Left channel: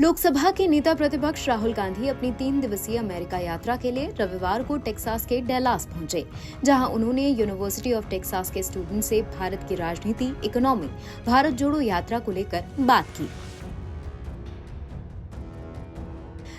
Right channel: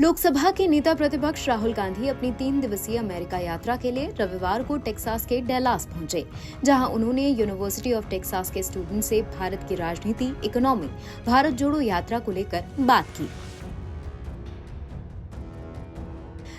लोकसभा के नेता प्रतिपक्ष राहुल गांधी अपनी 3 दिवसीय अमेरिका यात्रा के लिए रविवार को टेक्सास के डेलास पहुंचे, जहां उन्होंने यूनिवर्सिटी ऑफ टेक्सास के स्टूडेंट से भारत की राजनीति, इकोनॉमी, भारत जोड़ो यात्रा को लेकर बात की।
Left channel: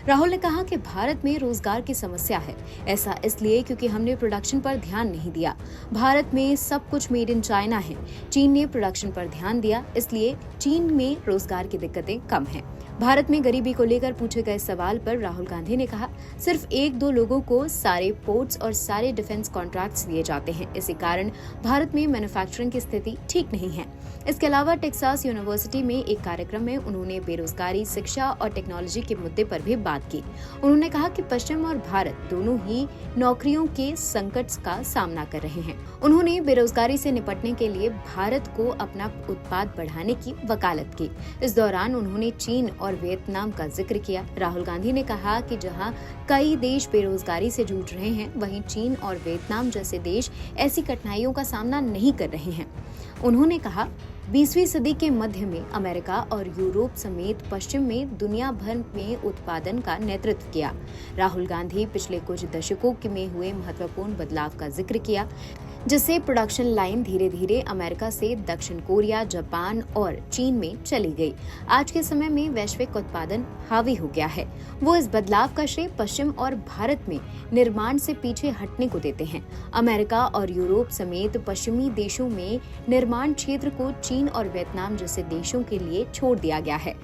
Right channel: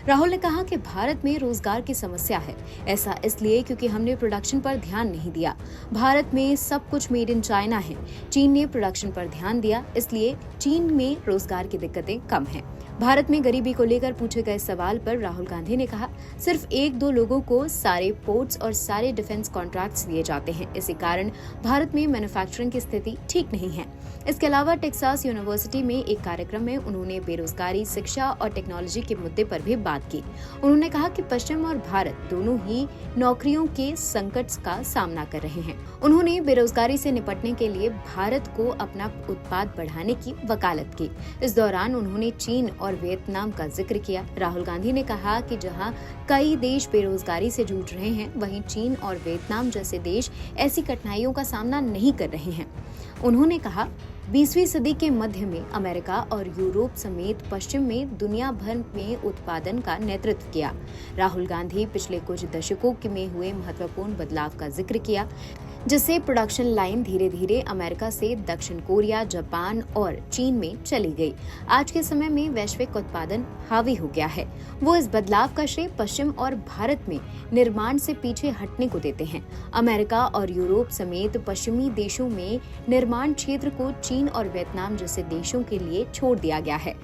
राहुल ने कहा कि भारत में रोजगार की समस्या है। ऐसा इसलिए क्योंकि हमने प्रोडक्शन पर ध्यान नहीं दिया। भारत में सब कुछ मेड इन चाइना है। चीन ने प्रोडक्शन पर ध्यान दिया, इसलिए चीन में रोजगार की दिक्कतें कम हैं। भारत में गरीबी को लेकर पूछे गए सवाल पर राहुल गांधी ने कहा, सिर्फ 1-2 लोगों को सारे पोर्ट्स और सारे डिफेंस कॉन्ट्रैक्ट्स दिए जाते हैं। इसी कारण भारत में मैन्युफैक्चरिंग की स्थिति ठीक नहीं है। इसके अलावा टेक्सास यूनिवर्सिटी में एक कार्यक्रम में उन्होंने बेरोजगारी, शिक्षा और टेक्नोलॉजी के मुद्दे पर भी बात की। उन्होंने कहा कि पश्चिम और भारत दोनों ही नौकरियों के संकट का सामना कर रहे हैं। उन्होंने बेरोजगारी से निपटने के लिए भारत को अपना उत्पाद बढ़ाने की वकालत की। इस दौरान उन्होंने चीन और वियतनाम का जिक्र किया। राहुल गांधी ने कहा कि जहां कई देश बेरोजगारी से जूझ रहे हैं, वहीं चीन और वियतनाम जैसे देश ऐसी कठिनाइयों का सामना नहीं कर रहे हैं। उन्होंने कहा, 20वीं सदी के मध्य में अमेरिका और यूरोप समेत पश्चिम में दुनिया भर में उत्पादन का नेतृत्व किया। राहुल गांधी पिछले कुछ दशकों में हुए महत्वपूर्ण बदलाव का जिक्र किया, जिससे प्रोडक्शन लाइन धीरे धीरे अमेरिका से दक्षिण कोरिया, जापान और चीन में चली गई। आज के समय में वैश्विक उत्पादन हावी हो गया है। वो इस बदलाव का श्रेय पश्चिम और भारत में निर्माण से पीछे हटने को देते हैं। अमेरिका और यूरोप समेत पश्चिमी देशों में निर्माण क्षेत्र को चीन और वियतनाम जैसे देशों के लिए छोड़ दिया गया है।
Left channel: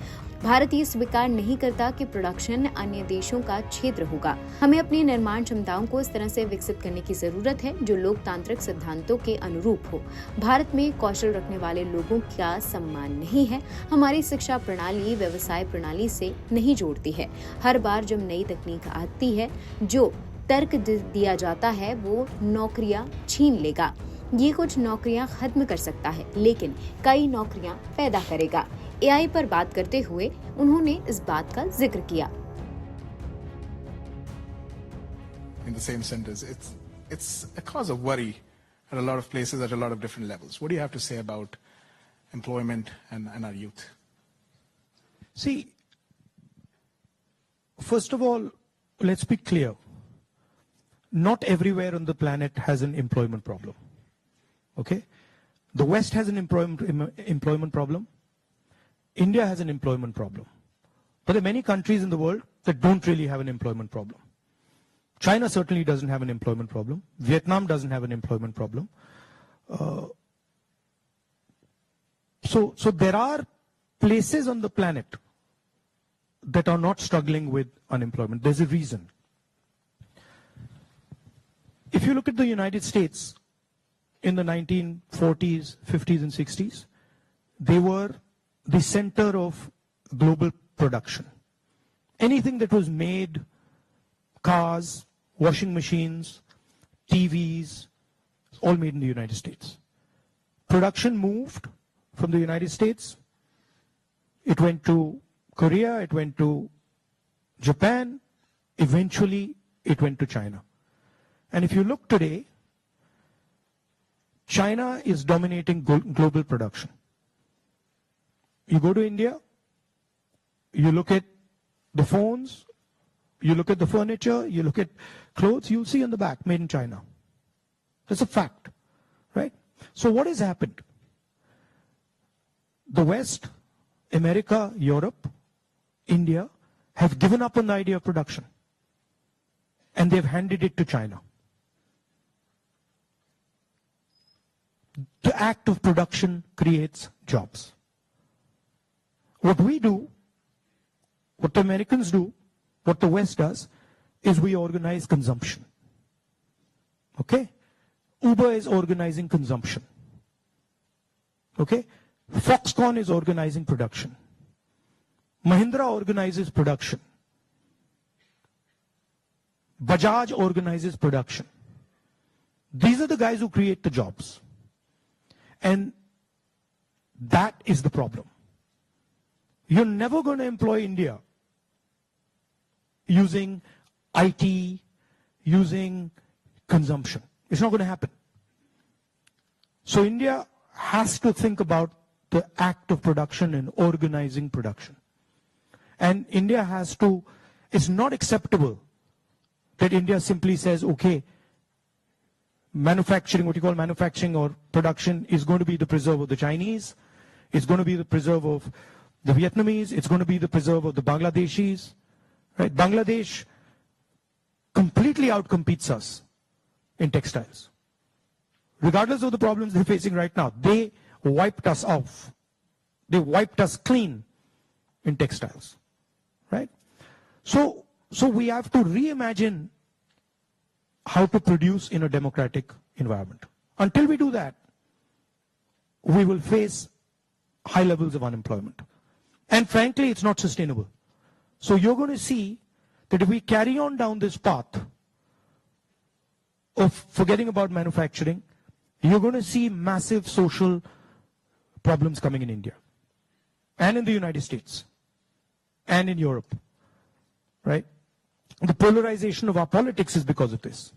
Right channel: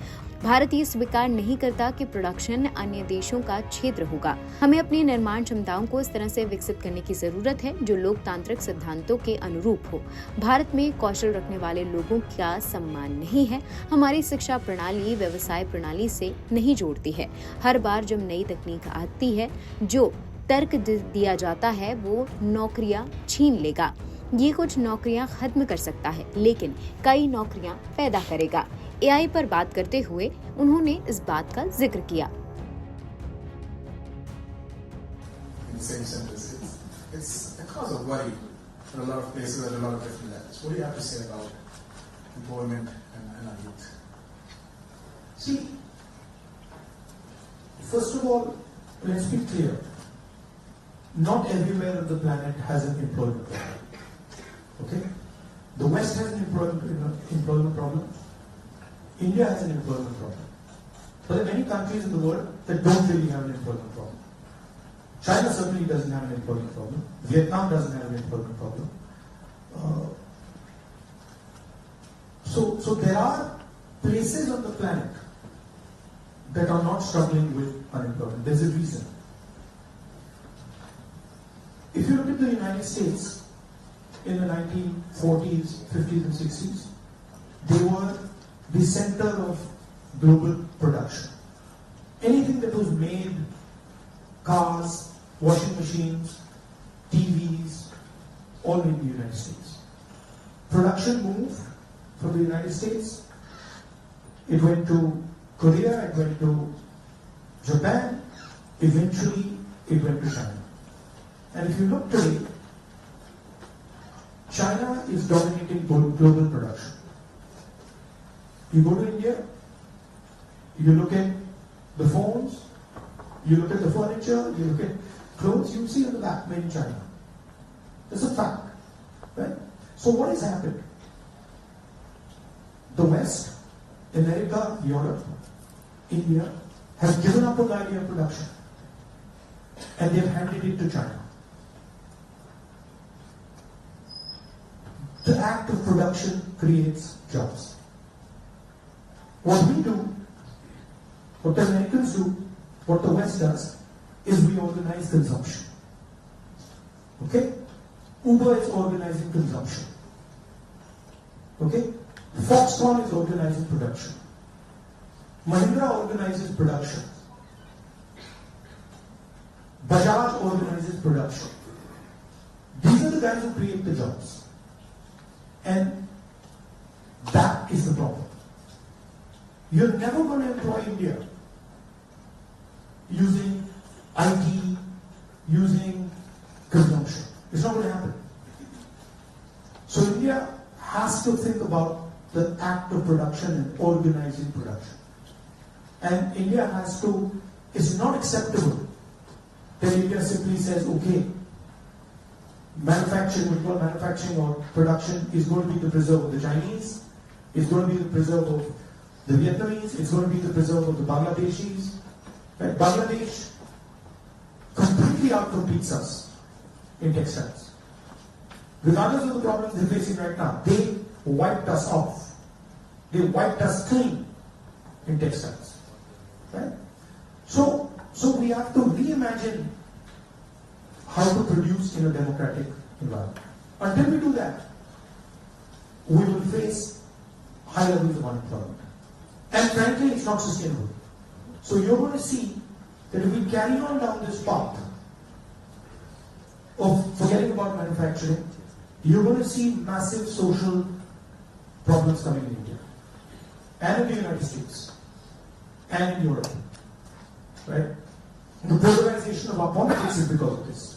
भारत ये स्वीकार नहीं करता कि प्रोडक्शन अन्य देशों का क्षेत्र होगा। हमें अपनी निर्माण क्षमताओं को इस तरह से विकसित करने की जरूरत है जो लोकतांत्रिक सिद्धांतों के अनुरूप हो। भारत में कौशल रखने वाले लोगों का सम्मान नहीं है। हमारी शिक्षा प्रणाली व्यवसाय प्रणाली से नहीं जोड़ती है। हर बार जब नई तकनीक आती है, जो तर्क दिया जाता है वो नौकरियां छीन लेगा। ये कुछ नौकरियां खत्म कर सकता है, लेकिन कई नौकरियां पैदा करेगा। एआई पर बात करते हुए उन्होंने इस बात का जिक्र किया। In the same sentence, it's a cause of worry at a lot of places at a lot of different levels. What do you have to say about employment and our youth? See, first of all, let's be clear. Not everywhere on the planet has an employment problem. Okay? The West has an employment problem. India has an employment problem. But there are many countries in the world that don't really have an employment problem. China certainly doesn't have an employment problem. Vietnam doesn't have an employment problem. So there are places on the planet that are not struggling with unemployment. There's a reason. If you look at the United States in the 1940s, 50s and 60s, they were the center of global production. Anything that was made, cars, washing machines, TVs, all made in the United States. Production moved from the United States. It went to Korea, it went to Japan, eventually it went to China. And if you look today, China is dominating global production. You go to India, you look at the phones, you look at the furniture, you look at clothes, you see on the back, made in China. That's a fact, right? So what has happened? The West, America, Europe, India, has given up on the idea of production. And they've handed it to China. The act of production creates jobs. What we do, what the Americans do, what the West does, is we organize consumption. Okay? Uber is organizing consumption. Okay? Foxconn is organizing production. Mahindra organizes production. Bajaj organizes production. These are the guys who create the jobs. And that is the problem. You're never going to employ India using IT, using consumption. It's not going to happen. So India has to think about the act of production and organizing production. And India has to, it's not acceptable that India simply says, okay, manufacturing, what you call manufacturing or production is going to be the preserve of the Chinese, it's going to be the preserve of the Vietnamese, it's going to be the preserve of the Bangladeshis. Right? Bangladesh completely outcompetes us in textiles. Regardless of the problems they're facing right now, they wiped us off. They wiped us clean in textiles. Right? So we have to reimagine how to produce in a democratic environment. Until we do that, we will face high levels of unemployment. And frankly, it's not sustainable. So you're going to see that if we carry on down this path of forgetting about manufacturing, you're going to see massive social problems coming in India and in the United States and in Europe. Right? The polarization of our politics is because of this.